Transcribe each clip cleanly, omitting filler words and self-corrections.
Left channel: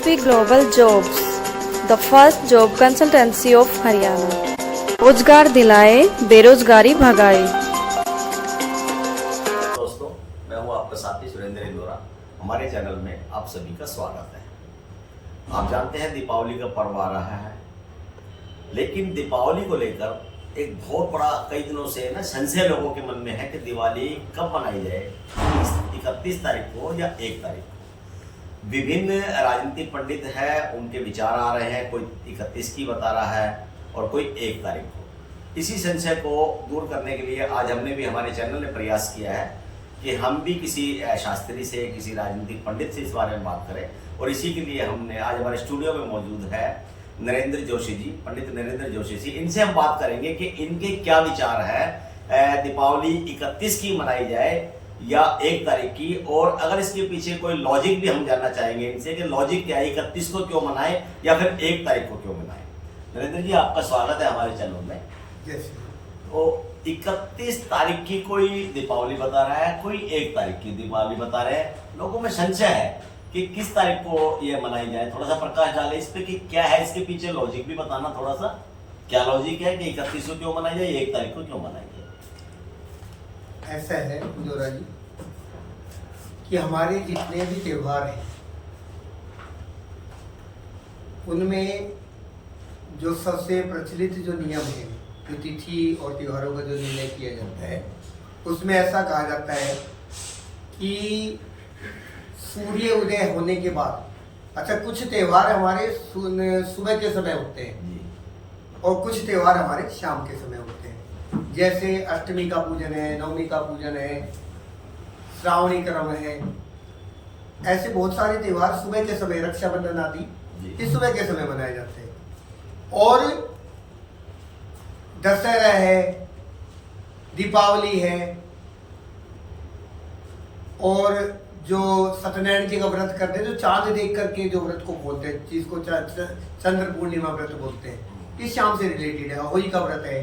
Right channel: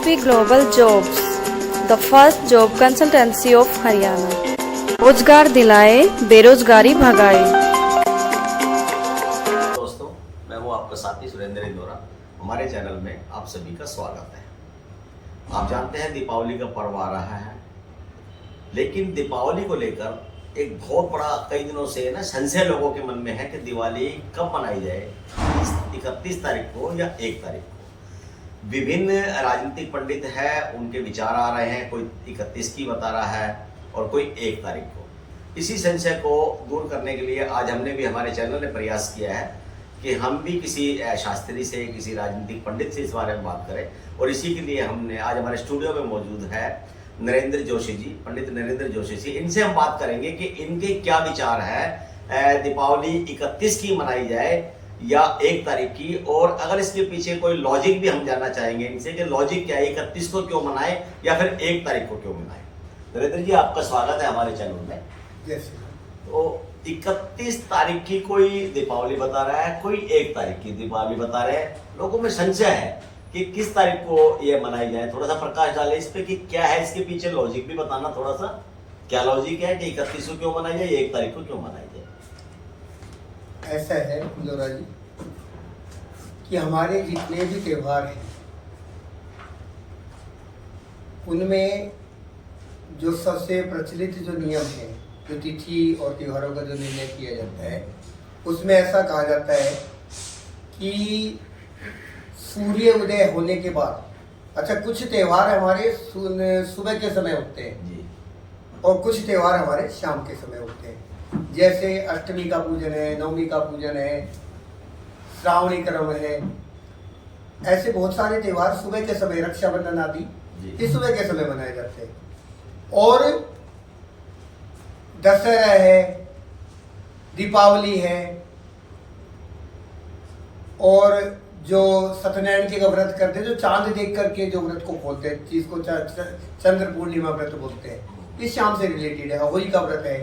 SSP Global Jobs, the first job consultancy of Haryana. रोजगार दिलाए, बेरोजगारी भगाए। दोस्तों, मैं हूं आपका साथी सुरेंद्र इंदौरा। हमारे चैनल में आप सभी का स्वागत है। आप जानते हैं दीपावली का पर्व आ रहा है, लेकिन दीपावली को लेकर एक बहुत बड़ा कई दिनों से ना संशय लोगों के मन में है कि दिवाली कब मनाई जाए, 31 तारीख को या 1 तारीख को। विभिन्न राजनीतिक पंडित हैं, उनके विचार आ रहे हैं, कोई 31 की बता रहा है और कोई 1 तारीख को। इसी संशय को दूर करने के लिए आज हमने भी हमारे चैनल ने प्रयास किया है कि हम भी किसी शास्त्री से, किसी राजनीतिक पंडित से इस बारे में बात करें। और इसी के लिए हमने आज हमारे स्टूडियो में मौजूद है नरेंद्र जोशी जी, पंडित नरेंद्र जोशी जी। इनसे हम बात करेंगे कि इनके क्या विचार है, दीपावली 31 की मनाई जाए या 1 तारीख की, और अगर इसके पीछे कोई लॉजिक भी हम जानना चाहेंगे इनसे कि लॉजिक क्या है, 31 को क्यों मनाए या फिर 1 तारीख को क्यों मनाए। नरेंद्र जी, आपका स्वागत है हमारे चैनल में। तो 31 तारीख की कोई दीपावली बता रहा है, कोई 1 तारीख की दीपावली बता रहे हैं। लोगों में संशय है कि किस तारीख को ये मनाई जाए। थोड़ा सा प्रकाश डाले इस पे कि क्या है इसके पीछे लॉजिक भी बताना थोड़ा सा। क्या लॉजिक है कि 31 को क्यों मनाई जाए, 1 तारीख को क्यों मनाई जाए? ऐसा है इंदौरा जी कि हमारे जितने भी त्योहार हैं उनमें जो सबसे प्रचलित जो नियम है, जो तिथि और त्योहारों का जो निर्णय किया जाता है, उसमें ऐसा कहा जाता है कि सूर्य उदय होने के बाद, अच्छा कुछ त्योहार हमारे सुबह के समय होते हैं जी, और कुछ त्योहार हमारे शाम के समय होते हैं। जैसे अष्टमी का पूजन है, नवमी का पूजन है, श्रावणी क्रम है, ऐसे बहुत सारे त्योहार सुबह के समय, रक्षाबंधन आदि इस सुबह के समय मनाए जाते हैं। और दशहरा है, दीपावली है, और जो सत्यनारायण जी का व्रत करते हैं, जो चांद देख करके जो व्रत को खोलते हैं, जिसको चंद्र पूर्णिमा व्रत बोलते हैं, ये शाम से रिलेटेड है। होली का व्रत है,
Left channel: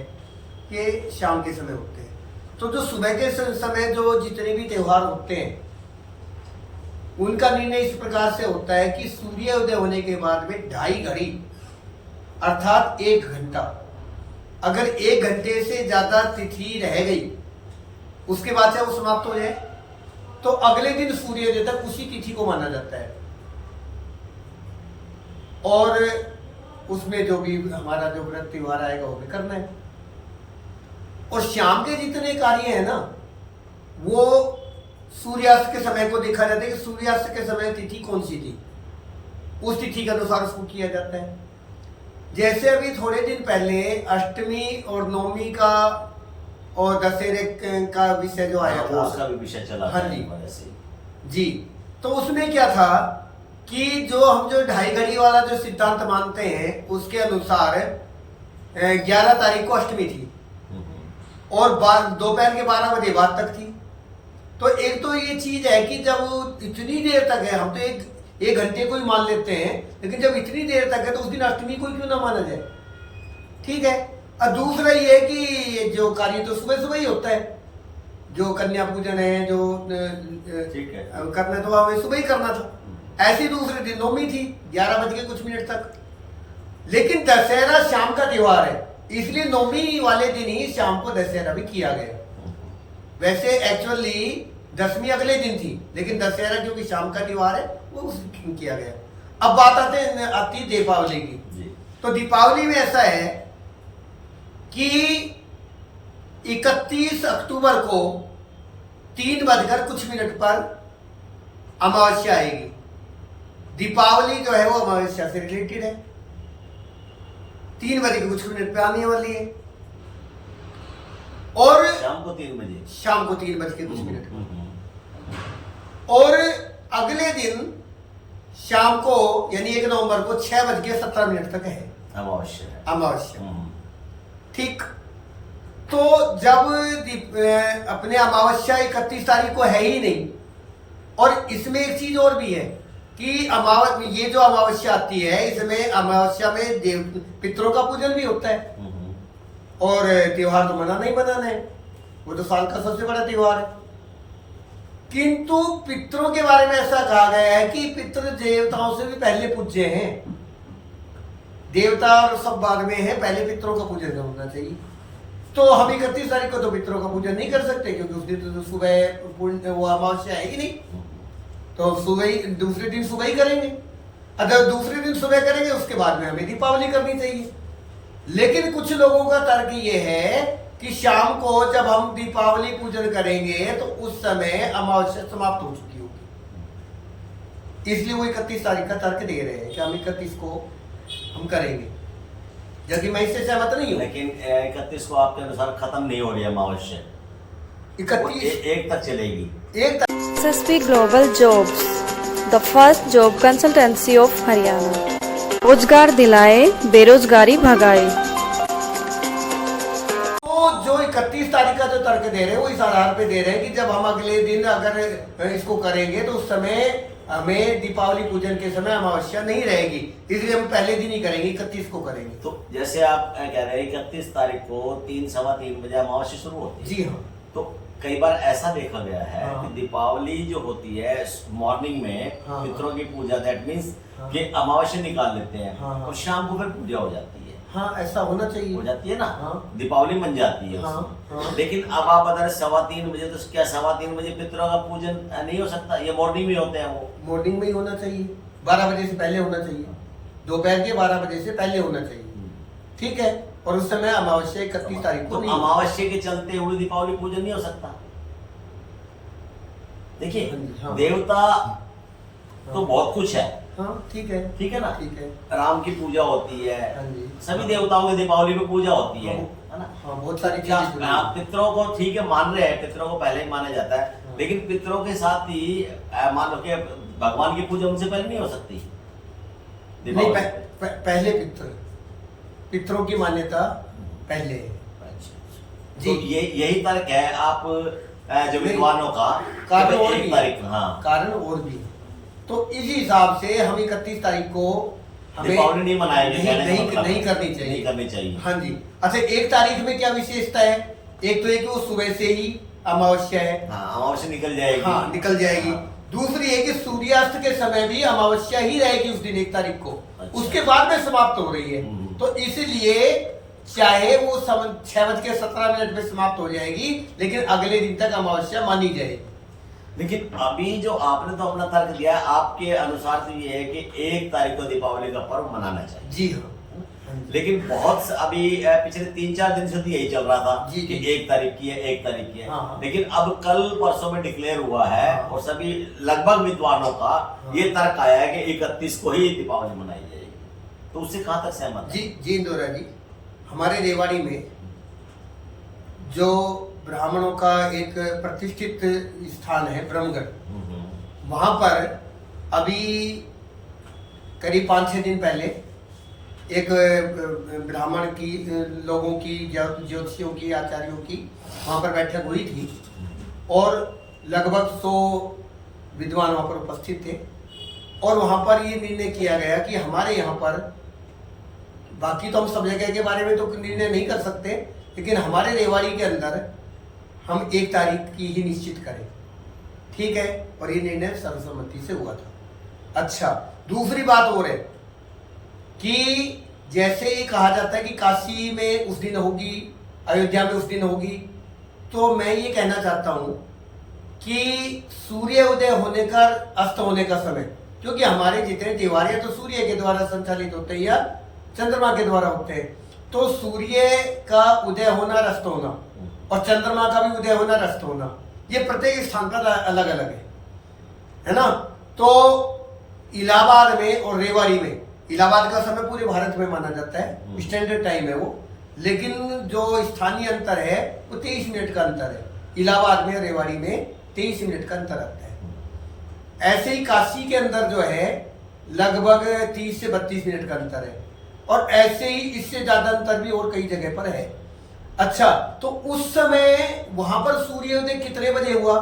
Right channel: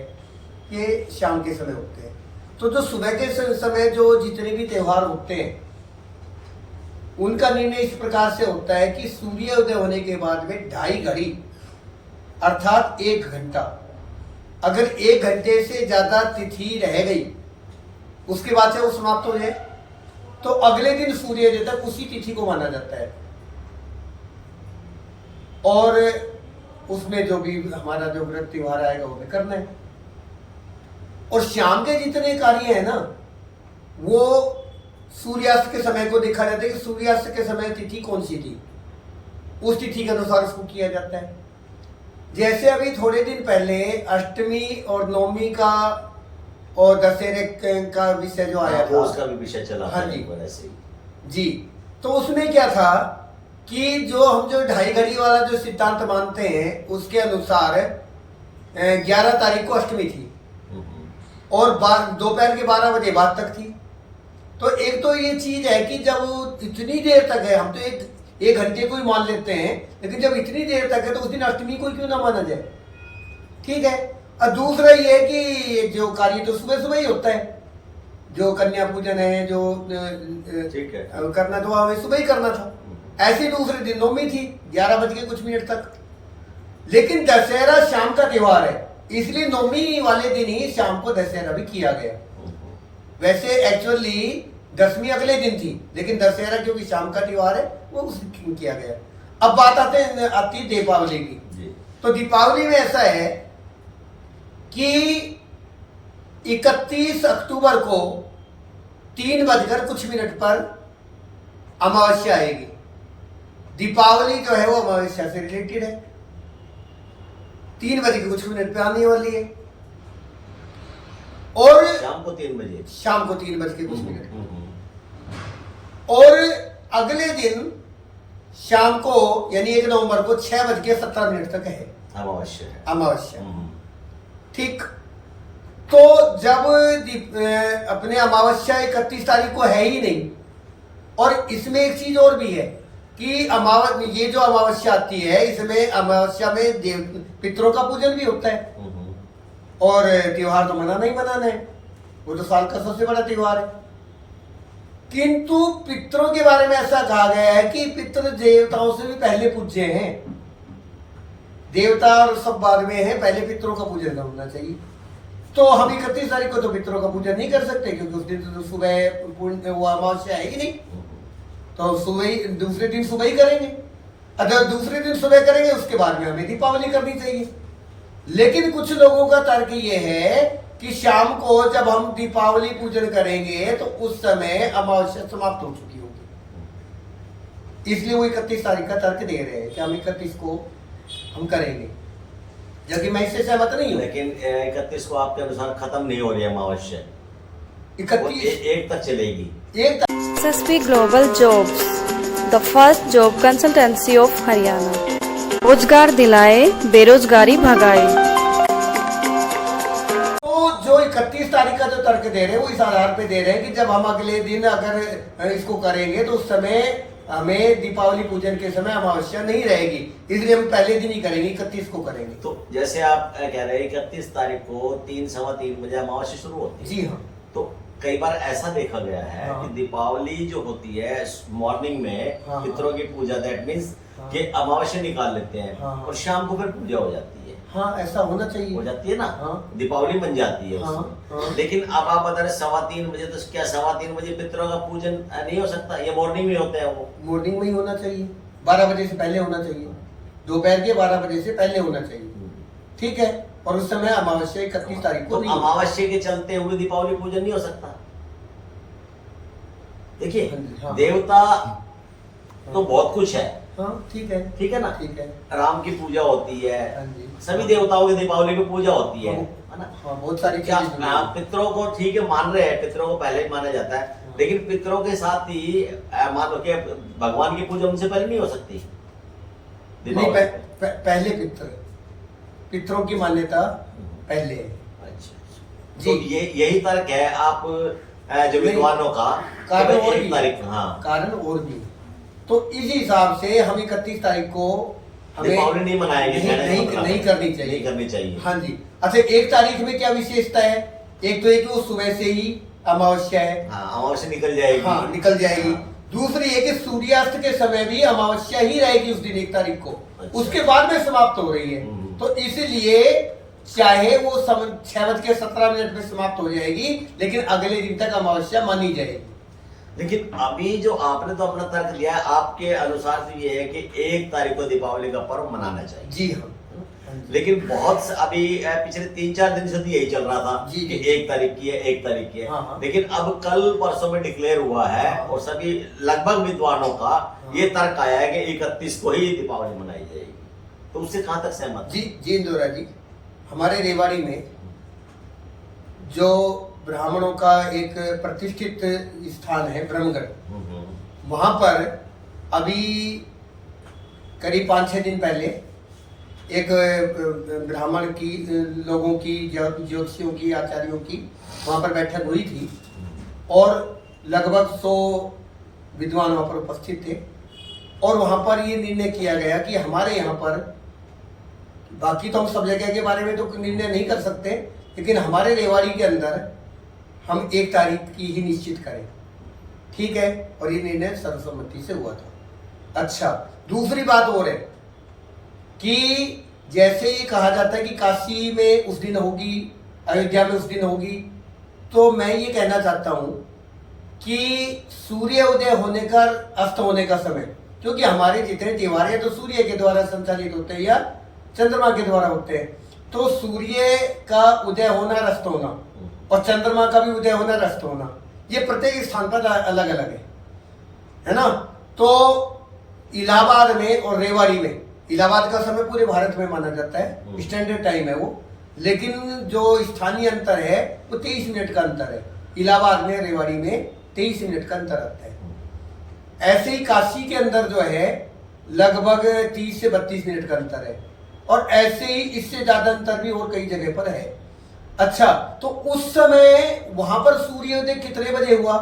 ये शाम के समय होते हैं। तो जो सुबह के समय जो जितने भी त्योहार होते हैं उनका निर्णय इस प्रकार से होता है कि सूर्योदय होने के बाद में 2.5 घड़ी अर्थात 1 घंटा, अगर 1 घंटे से ज्यादा तिथि रह गई उसके बाद से वो समाप्त हो जाए तो अगले दिन सूर्योदय तक उसी तिथि को माना जाता है। और उसमें जो भी हमारा जो व्रत त्योहार आएगा वो हमें करना है। और शाम के जितने कार्य है ना, वो सूर्यास्त के समय को देखा जाता है कि सूर्यास्त के समय तिथि कौन सी थी, उस तिथि के अनुसार उसको किया जाता है। जैसे अभी थोड़े दिन पहले अष्टमी और नवमी का और दशहरे का विषय जो आया था, उसका भी विषय चला। हाँ जी, वैसे ही जी। तो उसमें क्या था कि जो हम जो 2.5 घड़ी वाला जो सिद्धांत मानते हैं उसके अनुसार 11 तारीख को अष्टमी थी और दोपहर के 12 बजे बाद तक थी। तो एक तो ये चीज है कि जब इतनी देर तक है, हम तो एक घंटे को ही मान लेते हैं, लेकिन जब इतनी देर तक है तो उस दिन अष्टमी को क्यों ना माना जाए। ठीक है। और दूसरा ये है कि ये जो कार्य तो सुबह सुबह ही होता है, जो कन्या पूजन है, जो ठीक है करना तो हमें सुबह ही करना था। ऐसे दूसरे दिन नवमी थी 11 बज के कुछ मिनट तक। लेकिन दशहरा शाम का त्योहार है, इसलिए नवमी वाले दिन ही शाम को दशहरा भी किया गया। वैसे एक्चुअली दशमी अगले दिन थी, लेकिन दशहरा क्योंकि शाम का त्योहार है वो उस दिन किया गया। अब बात आती दीपावली की। तो दीपावली में ऐसा है कि 31 अक्टूबर को 3 बजकर कुछ मिनट पर अमावस्या आएगी। दीपावली जो है वो अमावस्या से रिलेटेड है, 3 बजे के कुछ मिनट पे आने वाली है। और शाम को 3 बजे, शाम को 3 बज के कुछ मिनट। और अगले दिन शाम को यानी 1 नवंबर को 6 बज के 17 मिनट तक है अमावस्या। ठीक। तो जब अपने अमावस्या 31 तारीख को है ही नहीं, और इसमें एक चीज और भी है कि ये जो अमावस्या आती है, इसमें अमावस्या में देव पितरों का पूजन भी होता है। और त्योहार तो मनाना ही मनाना है, वो तो साल का सबसे बड़ा त्योहार है। किंतु पितरों के बारे में ऐसा कहा गया है कि पितर देवताओं से भी पहले पूज्य हैं। देवता और सब बाद में है, पहले पितरों का पूजन होना चाहिए। तो हम 31 तारीख को तो पितरों का पूजन नहीं कर सकते, क्योंकि उस दिन तो सुबह वो अमावस्या है ही नहीं, तो सुबह ही, दूसरे दिन सुबह ही करेंगे। अगर दूसरे दिन सुबह करेंगे उसके बाद में हमें दीपावली करनी चाहिए। लेकिन कुछ लोगों का तर्क ये है कि शाम को जब हम दीपावली पूजन करेंगे तो उस समय अमावस्या समाप्त हो चुकी होगी, इसलिए वो 31 तारीख का तर्क दे रहे हैं कि हम 31 को हम करेंगे, जबकि मैं इससे सहमत नहीं हूं। लेकिन 31 को आपके अनुसार खत्म नहीं हो रही है अमावस्या, 31 एक तक चलेगी। एक SSP Global Jobs, the first job consultancy of Haryana. रोजगार दिलाए, बेरोजगारी भगाए। तो जो 31 तारीख का जो तर्क दे रहे हैं वो इस आधार पे दे रहे हैं कि जब हम अगले दिन अगर इसको करेंगे तो उस समय हमें दीपावली पूजन के समय अमावस्या नहीं रहेगी, इसलिए हम पहले दिन ही करेंगे, 31 को करेंगे। तो जैसे आप कह रहे हैं 31 तारीख को 3-3:15 बजे अमावस्या शुरू होती है। जी हाँ। तो कई बार ऐसा देखा गया है हाँ। कि दीपावली जो होती है मॉर्निंग में हाँ। पितरों की पूजा, दैट मीन्स हाँ। कि अमावस्या निकाल लेते हैं हाँ। और शाम को फिर पूजा हो जाती है। हाँ, ऐसा होना चाहिए। हो जाती है ना, हाँ। दीपावली बन जाती है हाँ। उसमें। हाँ। लेकिन अब आप बता रहे 3:15 बजे, तो क्या 3:15 बजे पितरों का पूजन नहीं हो सकता? ये मॉर्निंग में होते हैं वो। मॉर्निंग में ही होना चाहिए, 12 बजे से पहले होना चाहिए, दोपहर के 12 बजे से पहले होना चाहिए, ठीक है। और उस समय अमावस्या 31 तारीख को तो नहीं। अमावस्या के चलते हुए दीपावली पूजन नहीं हो सकता। देखिए हाँ। देवता तो बहुत कुछ है, हाँ, ठीक है, ठीक है ना। ठीक है। राम की पूजा होती है, हाँ जी। सभी देवताओं की दीपावली में पूजा होती है ना। हाँ, बहुत सारी क्या चीजें जुड़ी हैं। हाँ, पितरों को ठीक है मान रहे हैं, पितरों को पहले ही माना जाता है, लेकिन पितरों के साथ ही मान लो कि भगवान की पूजा उनसे पहले नहीं हो सकती नहीं, दीपावली। पहले पितरों की मान्यता पहले है। अच्छा। जी। तो यही तर्क है आप जो विद्वानों का, कारण और एक भी तारीख। हाँ, कारण और भी। तो इस हिसाब से हम 31 तारीख को हमें दीपावली नहीं मनाएंगे, नहीं करनी चाहिए, नहीं करनी चाहिए। हाँ जी। अच्छा, एक तारीख में क्या विशेषता है? एक तो ये कि वो सुबह से ही अमावस्या है। हाँ, अमावस्या निकल जाएगी। हाँ, निकल जाएगी। हाँ। दूसरी है कि सूर्यास्त के समय भी अमावस्या ही रहेगी उस दिन, 1 तारीख को। अच्छा। उसके बाद में समाप्त हो रही है। तो इसलिए चाहे वो 6:17 में समाप्त हो जाएगी, लेकिन अगले दिन तक अमावस्या मानी जाएगी। लेकिन अभी जो आपने तो अपना तर्क दिया है, आपके अनुसार तो ये है कि 1 तारीख को दीपावली का पर्व मनाना चाहिए। जी हाँ। लेकिन बहुत अभी पिछले 3-4 दिन से तो यही चल रहा था जी, कि जी। 1 तारीख की है, 1 तारीख की है। हाँ, हाँ। लेकिन अब कल परसों में डिक्लेयर हुआ है हाँ। और सभी लगभग विद्वानों का ये तर्क आया है कि 31 को ही दीपावली मनाई जाएगी। तो उससे कहां तक सहमत जी जी इंदौरा जी, हमारे रेवाड़ी में जो ब्राह्मणों का एक प्रतिष्ठित स्थान है ब्रह्मगढ़, वहां पर अभी करीब 5-6 दिन पहले एक ब्राह्मण की लोगों की ज्योतिषियों की आचार्यों की वहां पर बैठक हुई थी और लगभग 100 विद्वान वहां पर उपस्थित थे। और वहां पर ये निर्णय किया गया कि हमारे यहाँ पर, बाकी तो हम सब जगह के बारे में तो निर्णय नहीं कर सकते, लेकिन हमारे रेवाड़ी के अंदर हम 1 तारीख की ही निश्चित करें, ठीक है। और ये निर्णय सर्वसम्मति से हुआ था। अच्छा, दूसरी बात और है कि जैसे ये कहा जाता है कि काशी में उस दिन होगी, अयोध्या में उस दिन होगी, तो मैं ये कहना चाहता हूं कि सूर्य उदय होने का, अस्त होने का समय, क्योंकि हमारे जितने त्योहार है तो सूर्य के द्वारा संचालित होते हैं या चंद्रमा के द्वारा होते हैं। तो सूर्य का उदय होना, अस्त होना, और चंद्रमा का भी उदय होना, अस्त होना, ये प्रत्येक स्थान पर अलग अलग है ना। तो इलाहाबाद में और रेवाड़ी में, इलाहाबाद का समय पूरे भारत में माना जाता है, स्टैंडर्ड टाइम है वो, लेकिन जो स्थानीय अंतर है वो 23 मिनट का अंतर है। इलाहाबाद में, रेवाड़ी में 23 मिनट का अंतर आता है। ऐसे ही काशी के अंदर जो है लगभग 30 से 32 मिनट का अंतर है, और ऐसे ही इससे ज्यादा अंतर भी और कई जगह पर है। अच्छा, तो उस समय वहां पर सूर्योदय कितने बजे हुआ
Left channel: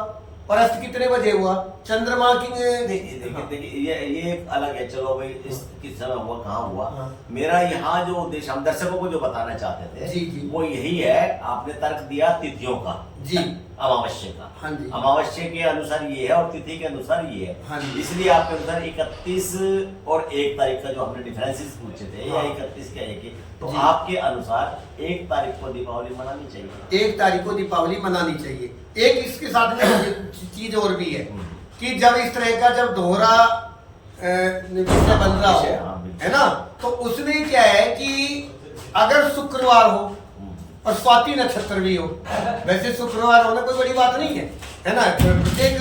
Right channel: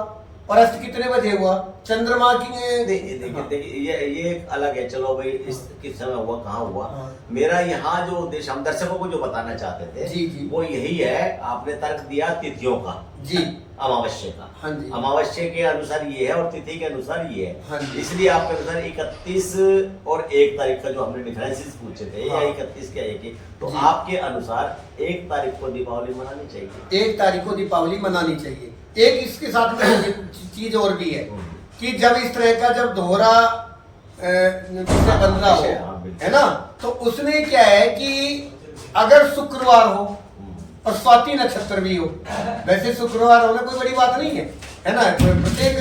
और अस्त कितने बजे हुआ? चंद्रमा की देखिए ये एक अलग है। चलो भाई, इस किस समय हुआ, कहाँ हुआ। हाँ। मेरा यहाँ जो उद्देश्य हम दर्शकों को जो बताना चाहते थे, जी, जी। वो यही है। आपने तर्क दिया तिथियों का, जी, अमावस्या का। हाँ जी। अमावस्या के अनुसार ये है और तिथि के अनुसार ये हाँ है, जी। इसलिए आपके अनुसार 31 और 1 तारीख का जो हमने डिफरेंसेस पूछे थे, या हाँ। 31 क्या 1, तो जी। आपके अनुसार 1 तारीख को दीपावली मनानी चाहिए। 1 तारीख को दीपावली मनानी चाहिए। एक इसके साथ में चीज और भी है कि जब इस तरह का जब दोहरा विषय बन रहा विषय, हो, हाँ, बिल्कुल। है ना, तो उसमें क्या है कि अगर शुक्रवार हो और स्वाति नक्षत्र भी हो, वैसे शुक्रवार होना कोई बड़ी बात नहीं है ना, प्रत्येक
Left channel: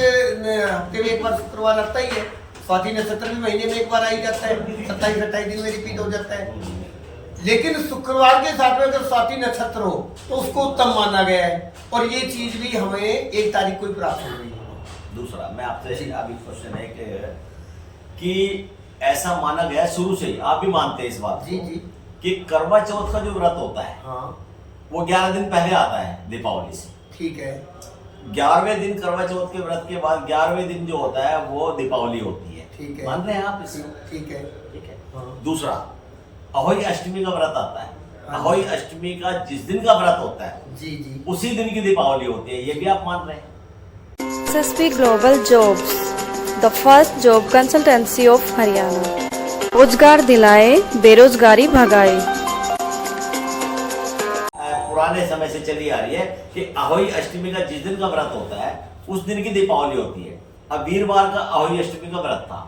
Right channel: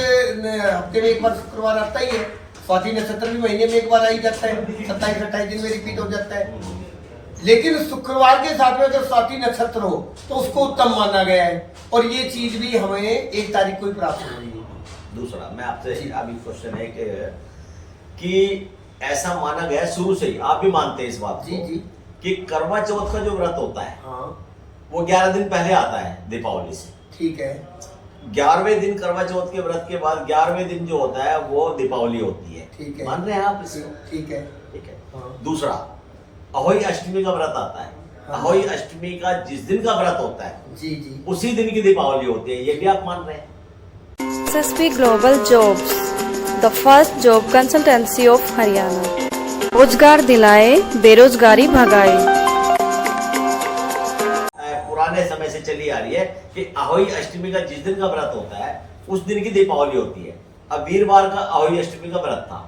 हफ्ते में एक बार शुक्रवार आता ही है, स्वाति नक्षत्र भी महीने में एक बार आ ही जाता है, 27-28 दिन में रिपीट हो जाता है। लेकिन शुक्रवार के साथ में अगर स्वाति नक्षत्र हो तो उसको उत्तम माना गया है, और ये चीज भी हमें 1 तारीख को ही प्राप्त हो रही है। दूसरा मैं आपसे अभी क्वेश्चन है कि ऐसा माना गया शुरू से ही, आप भी मानते हैं इस बात को, जी जी, कि करवा चौथ का जो व्रत होता है हाँ वो 11 दिन पहले आता है दीपावली से। ठीक है। 11वें दिन करवा चौथ के व्रत के बाद 11वें दिन जो होता है वो दीपावली होती है। ठीक है। मान रहे हैं आप इसको? ठीक है। ठीक है। हाँ। दूसरा, अहोई अष्टमी का व्रत आता है। हाँ। अहोई अष्टमी का जिस दिन का व्रत होता है जी जी, उसी दिन की दीपावली होती है, ये भी आप मान रहे हैं? SSP Global Jobs, the first job consultancy of Haryana. रोजगार दिलाए, बेरोजगारी भगाए। पुराने समय से चली आ रही है कि अहोई अष्टमी का जिस दिन का व्रत होता है उस दिन की दीपावली होती है। अब वीरवार का अहोई अष्टमी का व्रत था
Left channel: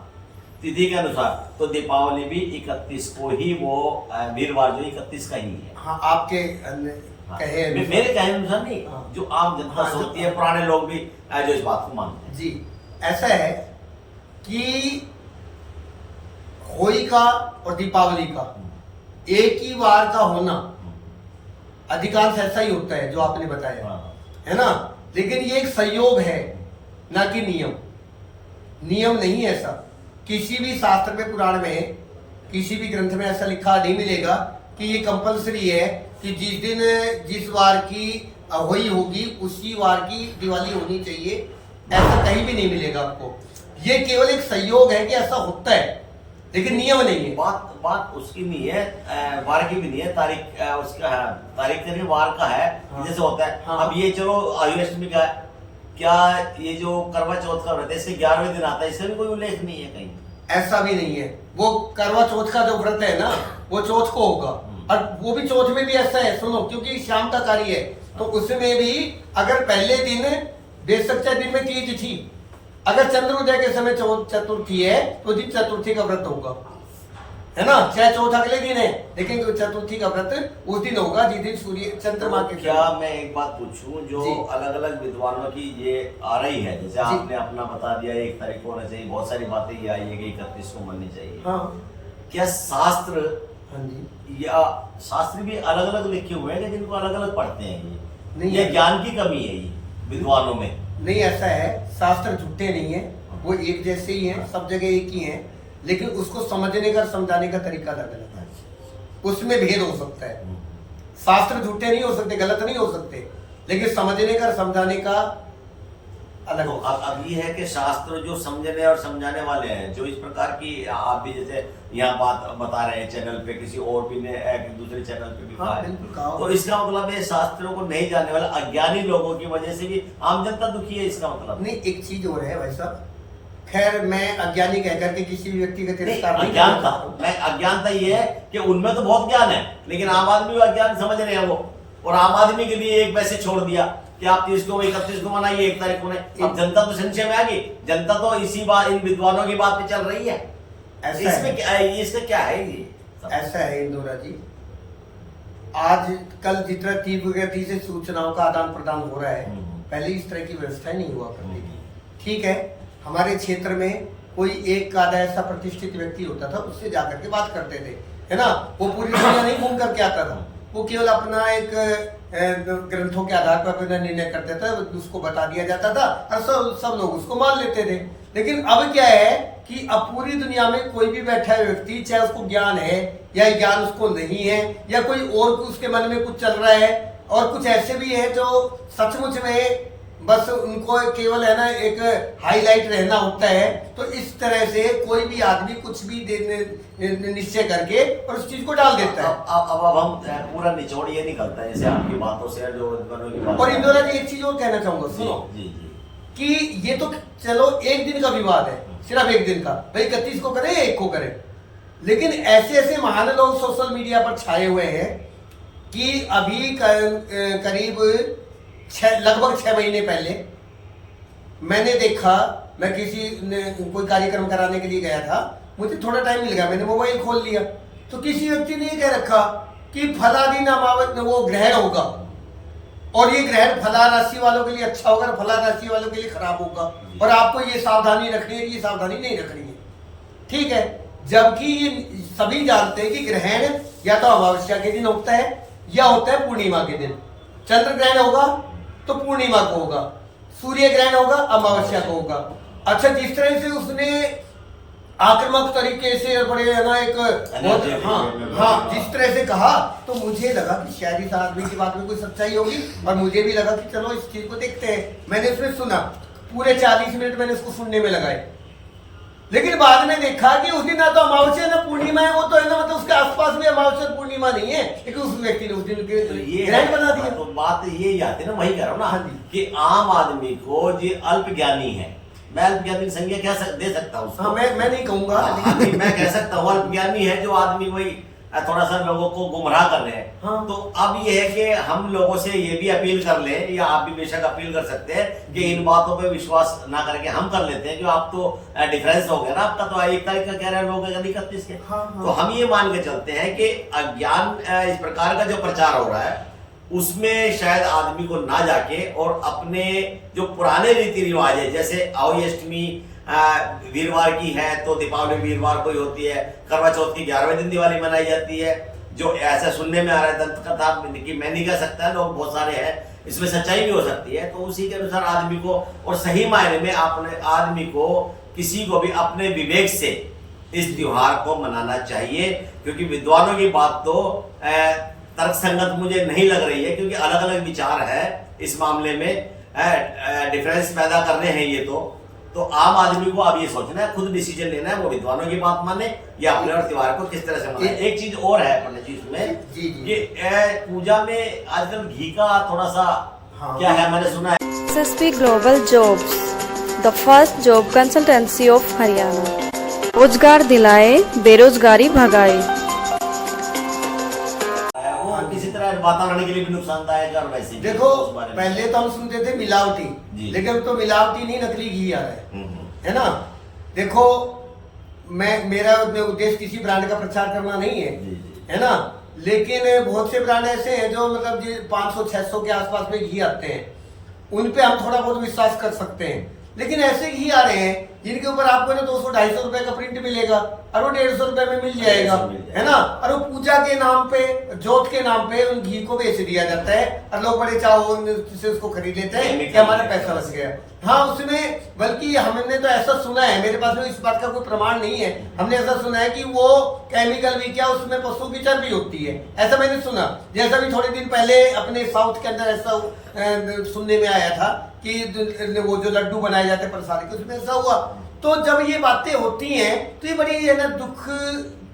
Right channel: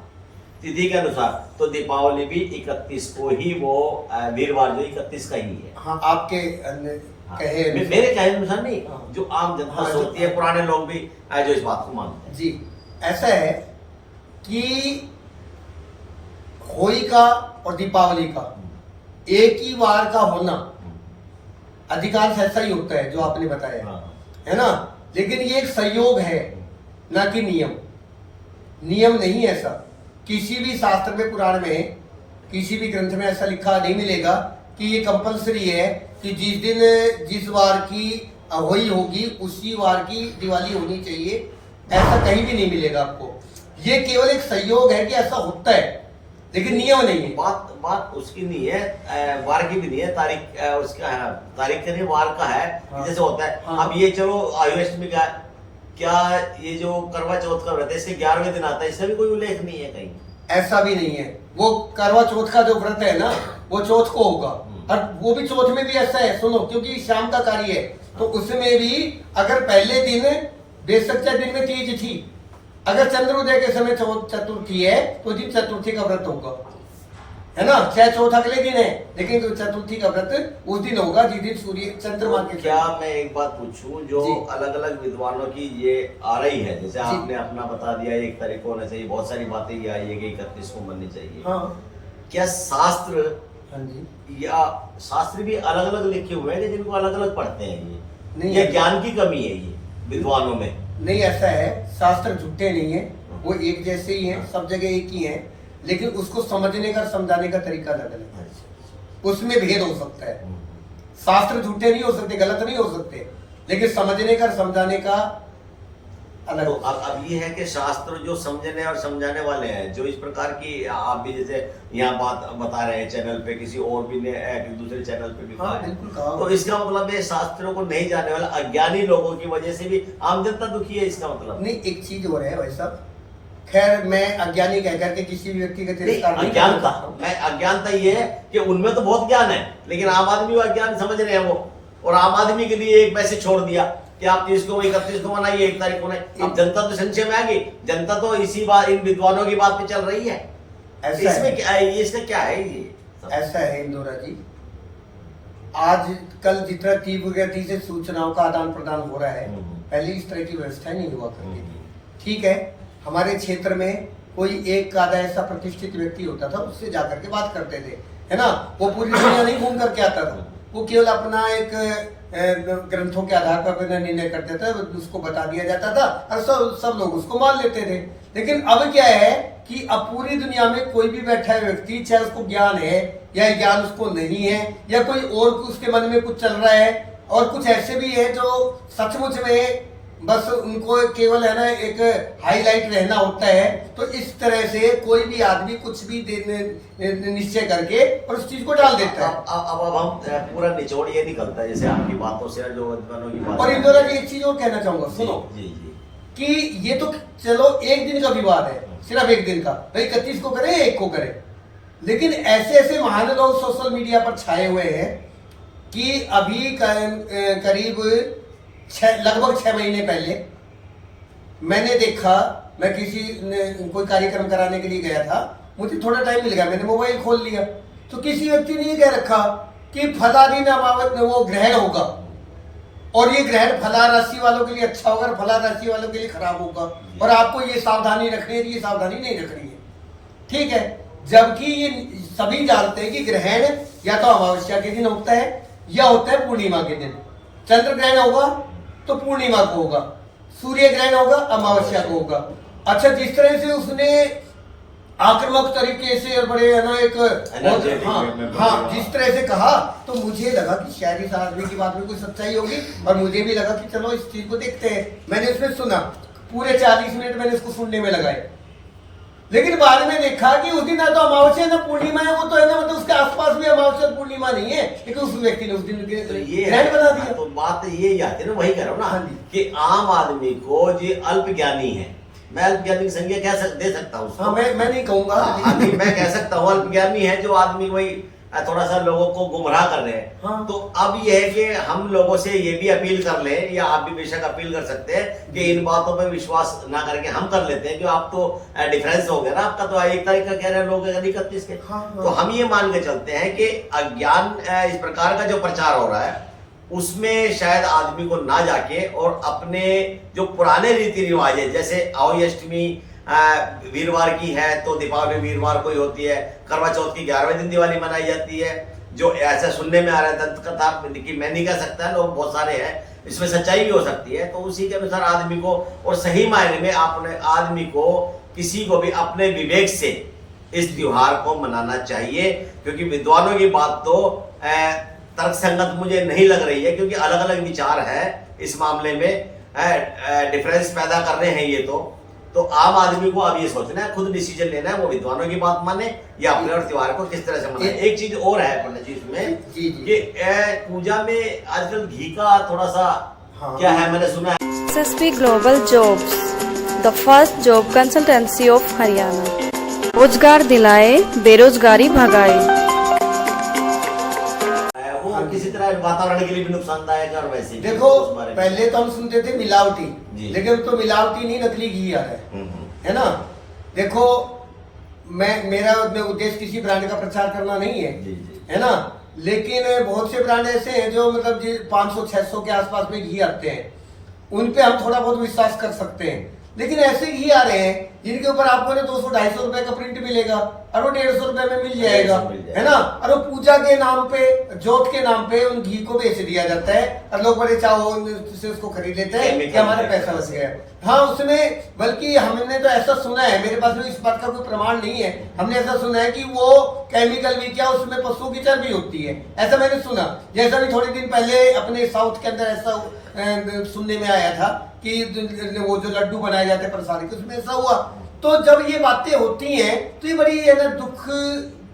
तिथि के अनुसार, तो दीपावली भी 31 को ही, वो वीरवार जो 31 का ही है। हाँ आपके हाँ। कहे मेरे कहे अनुसार नहीं, हाँ। जो आम जनता हाँ, सोचती है, पुराने लोग भी जो इस बात को मानते हैं। जी, ऐसा है कि होली का और दीपावली का एक ही वार का होना अधिकांश ऐसा ही होता है जो आपने बताया, हाँ। है ना, लेकिन ये एक संयोग है ना कि नियम। नियम नहीं है ऐसा, किसी भी शास्त्र में, पुराण में, किसी भी ग्रंथ में ऐसा लिखा नहीं मिलेगा कि ये कंपलसरी है कि जिस दिन जिस वार की होली होगी उसी वार की दिवाली होनी चाहिए, ऐसा कहीं भी नहीं मिलेगा आपको। ये केवल एक संयोग है कि ऐसा होता है, लेकिन नियम नहीं है। बात उसकी नहीं है, वार की भी नहीं है, तारीख उसका है, तारीख का नहीं, वार का है। हाँ। जैसे होता है, हाँ। अब ये चलो आयु अष्टमी का, क्या ये जो करवा चौथ का व्रत है इसके 11वें दिन आता है, इससे भी कोई उल्लेख नहीं है कहीं। ऐसा भी नहीं है। वो करवा चौथ का जो व्रत है ना, वो चौथ को होगा, और वो भी चौथ में भी ऐसा है, सुनो, क्योंकि शाम का कार्य है, तो उसमें भी अगर पहले दिन बेशक चाहे दिन में तीज थी, अगर चंद्रोदय के समय चतुर्थी है तो दिन चतुर्थी का व्रत होगा, है ना, चाहे चौथ अगले दिन है, लेकिन चतुर्थी का व्रत उस दिन होगा जिस दिन सूर्य चंद्रमा के। क्या मैं एक बात पूछूं, जो अलग अलग विद्वानों की ये आ रही है, जैसे आपने अपना बता दिया 1 तारीख को होना चाहिए, बहुत सारी बातें ये आई है कि 31 को मननी चाहिए। हाँ। क्या शास्त्र, हाँ जी, या शास्त्र भी अलग अलग लिखे हुए हैं कि जिनको अलग अलग पढ़ते हैं ये नहीं ये है। ज्ञान की कमी है ये विद्वानों में? नहीं, ऐसा है, शास्त्र झूठे नहीं है, वो एक जैसे ही हैं, सब जगह एक ही हैं, लेकिन उसको समझने का, समझाने का तरीका अलग अलग है, उसमें भेद हो सकता है। शास्त्र झूठे नहीं हो सकते, गलत नहीं हो सकते, लेकिन समझने का, समझाने का अलग। तो अब ये है कि शास्त्र जो समझने और समझाने वाले हैं, जो इस प्रकार की, आप भी जैसे यहाँ बात बता रहे हैं चैनल पे, किसी और भी ने दूसरे चैनल पे भी हाँ, कहा है, बिल्कुल कहा। तो इसका मतलब है शास्त्रों को नहीं जानने वाले अज्ञानी लोगों की वजह से भी आम जनता दुखी है, इसका मतलब? नहीं, एक चीज हो रहा है भाई साहब, खैर मैं अज्ञानी कह करके किसी भी व्यक्ति का तिरस्कार नहीं करना चाहता हूं। मैं अज्ञानता ये है कि उनमें तो बहुत ज्ञान है, लेकिन आम आदमी वो अज्ञान समझ रहे हैं वो, और आम आदमी के लिए एक पैसे छोड़ दिया कि आप 30 को 31 को मनाइए, 1 तारीख को नहीं। अब जनता तो संशय में आ गई, जनता तो इसी बात, इन विद्वानों की बात पे चल रही है। इसमें क्या है, इसका क्या है ये? ऐसा है इंदौरा जी, आज कल जितना तीव्र गति से सूचनाओं का आदान प्रदान हो रहा है, पहले इस तरह की व्यवस्था नहीं हुआ करती थी। ठीक है, हमारे क्षेत्र में कोई एक आधा ऐसा प्रतिष्ठित व्यक्ति होता था, उससे जाकर के बात करते थे, है ना, वो पूरी दुनिया नहीं घूम करके आता था, वो केवल अपना एक ग्रंथों के आधार पर अपना निर्णय करते थे, उसको बता दिया जाता था और सब लोग उसको मान लेते थे। लेकिन अब क्या है कि अब पूरी दुनिया में कोई भी बैठा है व्यक्ति, चाहे उसको ज्ञान है या ज्ञान उसको नहीं है, या कोई और उसके मन में कुछ चल रहा है, और कुछ ऐसे भी है जो सचमुच में बस उनको केवल है ना एक हाईलाइट रहना होता है। तो इस तरह से कोई भी आदमी कुछ भी निश्चय करके और उस चीज को डाल देता है। अब हम पूरा निचोड़ ये निकलता है जैसे आपकी बातों से और जो विद्वानों की बात। और इंदौरा की एक चीज और कहना चाहूंगा, सुनो जी जी कि ये तो चलो एक दिन का विवाद है, सिर्फ एक दिन का, भाई 31 को करे या 1 को करे, लेकिन ऐसे ऐसे महान लोग सोशल मीडिया पर छाए हुए हैं कि अभी करीब लगभग 6 महीने पहले मैंने देखा, मैं कोई कार्यक्रम कराने के लिए गया था, मुझे थोड़ा टाइम मिल गया, मैंने मोबाइल खोल लिया तो किसी व्यक्ति ने ये कह रखा कि फला दिन अमावस वो ग्रहण होगा और ये ग्रहण फला राशि वालों के लिए अच्छा होगा, फला राशि वालों के लिए खराब होगा और आपको ये सावधानी रखनी है, ये सावधानी नहीं रखनी है। ठीक है, जबकि ये सभी जानते हैं कि ग्रहण या तो अमावस्या के दिन होता है या होता है पूर्णिमा के दिन। चंद्र ग्रहण होगा तो पूर्णिमा को होगा, सूर्य ग्रहण होगा अमावस्या को होगा। अच्छा, जिस तरह से उसने आक्रामक तरीके से और बड़े ना एक हाँ जिस तरह से कहा, तो मुझे लगा कि शायद इस आदमी की बात में कोई सच्चाई होगी और मुझे भी लगा कि चलो इस चीज को देखते हैं। मैंने उसमें सुना, पूरे 40 मिनट मैंने उसको सुनने में लगाए, लेकिन बाद में देखा कि उस दिन ना तो अमावस्या ना पूर्णिमा है, वो तो है ना, मतलब उसके आसपास भी अमावस्या पूर्णिमा नहीं है, लेकिन उस व्यक्ति ने उस दिन ग्रहण बना दिया। तो बात ये आती है ना, वही कह रहा हूँ ना कि आम आदमी को जो अल्प ज्ञानी है, मैं अल्प ज्ञानी की संज्ञा क्या दे सकता हूँ? हाँ, मैं नहीं कहूंगा, मैं कह सकता हूँ अल्प ज्ञानी है जो आदमी वही थोड़ा सा लोगों को गुमराह कर रहे हैं। हाँ। तो अब ये है कि हम लोगों से ये भी अपील कर लें, या आप भी बेशक अपील कर सकते हैं कि इन बातों पे विश्वास ना करके हम कर लेते हैं, जो आप तो डिफरेंस हो गया ना आपका, तो 1 तारीख का कह रहे हैं लोग 31 के। हाँ। तो हम ये मान के चलते हैं कि अज्ञान इस प्रकार का जो प्रचार हो रहा है उसमें शायद आदमी को ना जाके और अपने जो पुराने रीति रिवाज है, जैसे अहोई अष्टमी वीरवार की है तो दीपावली वीरवार को ही होती है, करवा चौथ की 11वें दिन दिवाली मनाई जाती है, जो ऐसा सुनने में आ रहा है दंत कथा की, मैं नहीं कह सकता, लोग बहुत सारे हैं, इसमें सच्चाई भी हो सकती है। तो उसी के अनुसार आदमी को, और सही मायने में अपने आदमी को किसी को भी अपने विवेक से इस त्योहार को मनाना चाहिए, क्योंकि विद्वानों की बात तो तर्क संगत मुझे नहीं लग रही है, क्योंकि अलग अलग विचार है इस मामले में, डिफरेंस पैदा कर रहे हैं ये। तो आम आदमी को अब ये सोचना है, खुद डिसीजन लेना है, वो विद्वानों की बात माने या अपने और त्योहार को किस तरह से मनाए। एक चीज और है पंडित जी इसमें कि पूजा में आजकल घी का थोड़ा सा क्या है, मैंने सुना है SSP Global Jobs, the first job consultancy of Haryana. रोजगार दिलाए, बेरोजगारी भगाए। किसी तरह वातावरण के लिए भी नुकसानदायक और वैसे भी। देखो, पहले तो हम सुनते थे मिलावटी, लेकिन अब तो मिलावटी नहीं, नकली घी आ रहा है ना। देखो, मेरा उद्देश्य किसी ब्रांड का प्रचार करना नहीं है ना, लेकिन बहुत से ब्रांड ऐसे हैं जो मतलब 500-600 के आसपास में घी आते हैं, उन पे हम थोड़ा बहुत विश्वास कर सकते हैं। लेकिन ऐसे घी आ रहे हैं जिनके ऊपर आपको ना 200-250 रुपए का प्रिंट मिलेगा और वो 150 रुपए में मिल जाएगा, है ना। और वो पूजा के नाम पे, जोत के नाम पे उन घी को बेच दिया जाता है और लोग बड़े चाव से उसको खरीद लेते हैं कि हमारा पैसा बच गया। हाँ, उसमें बल्कि हमने तो ऐसा सुना है, मेरे पास इस बात का कोई प्रमाण नहीं है, हमने ऐसा सुना है कि वो केमिकल भी क्या, उसमें पशु की चर्बी होती है, ऐसा मैंने सुना। जैसा भी थोड़े दिन पहले अपने साउथ के अंदर ऐसा सुनने में आया था कि वो जो लड्डू बनाए जाते हैं प्रसाद के, उसमें ऐसा हुआ। तो जब ये बातें होती हैं तो ये बड़ी है ना दुख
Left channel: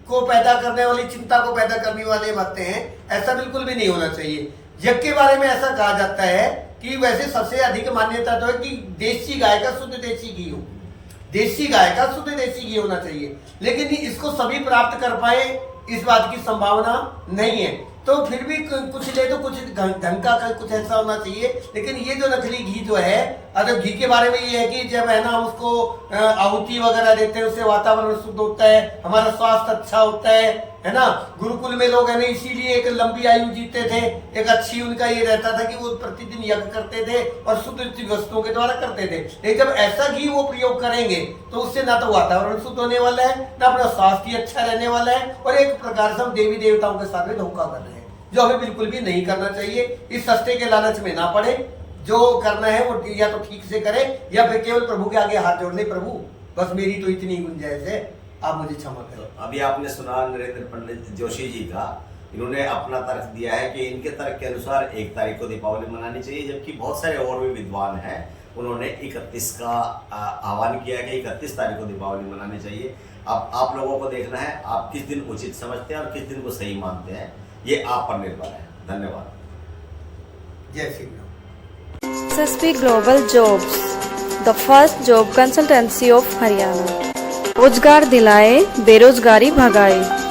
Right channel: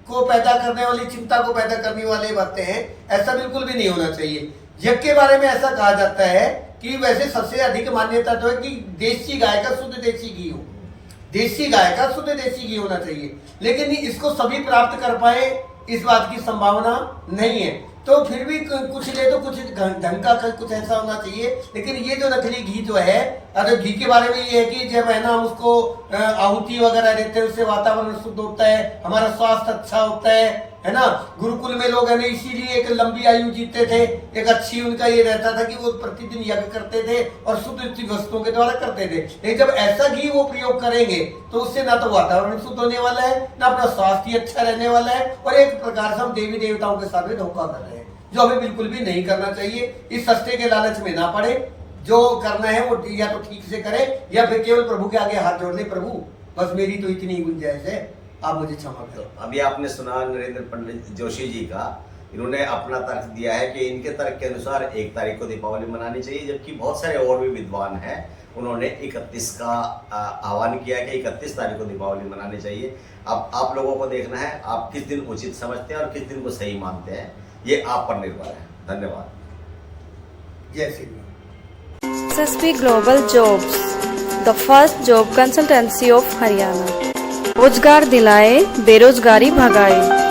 को पैदा करने वाली, चिंता को पैदा करने वाली बातें हैं, ऐसा बिल्कुल भी नहीं होना चाहिए। यज्ञ के बारे में ऐसा कहा जाता है कि वैसे सबसे अधिक मान्यता तो है कि देसी गाय का शुद्ध देसी घी हो, देसी गाय का शुद्ध देसी घी होना चाहिए, लेकिन इसको सभी प्राप्त कर पाए इस बात की संभावना नहीं है। तो फिर भी कुछ ले तो कुछ ढंग का कुछ ऐसा होना चाहिए। लेकिन ये जो नकली घी जो है, अगर घी के बारे में ये है कि जब है ना हम उसको आहुति वगैरह देते हैं, उससे वातावरण शुद्ध होता है, हमारा स्वास्थ्य अच्छा होता है ना। गुरुकुल में लोग है ना इसीलिए एक लंबी आयु जीते थे, एक अच्छी उनका ये रहता था कि वो प्रतिदिन यज्ञ करते थे और शुद्ध वस्तुओं के द्वारा करते थे। लेकिन जब ऐसा घी वो प्रयोग करेंगे तो उससे ना तो वातावरण शुद्ध होने वाला है, ना अपना स्वास्थ्य अच्छा रहने वाला है, और एक प्रकार से हम देवी देवताओं के साथ में धोखा कर रहे हैं, जो हमें बिल्कुल भी नहीं करना चाहिए। इस सस्ते के लालच में ना पड़े, जो करना है वो या तो ठीक से करें या फिर केवल प्रभु के आगे हाथ जोड़ ले, प्रभु बस मेरी तो इतनी गुंजाइश है, आप मुझे क्षमा करो। अभी आपने सुना नरेंद्र पंडित जोशी जी का इन्होंने अपना तर्क दिया है कि इनके तर्क के अनुसार 1 तारीख को दीपावली मनानी चाहिए, जबकि बहुत सारे और भी विद्वान हैं, उन्होंने 31 का आह्वान किया है कि 31 तारीख को दीपावली मनानी चाहिए। अब आप लोगों को देखना है आप किस दिन उचित समझते हैं और किस दिन को सही मानते हैं, ये आप पर निर्भर है। धन्यवाद। जय Shri Ram. SSP Global Jobs, the first job consultancy of Haryana. रोजगार दिलाए, बेरोजगारी भगाए।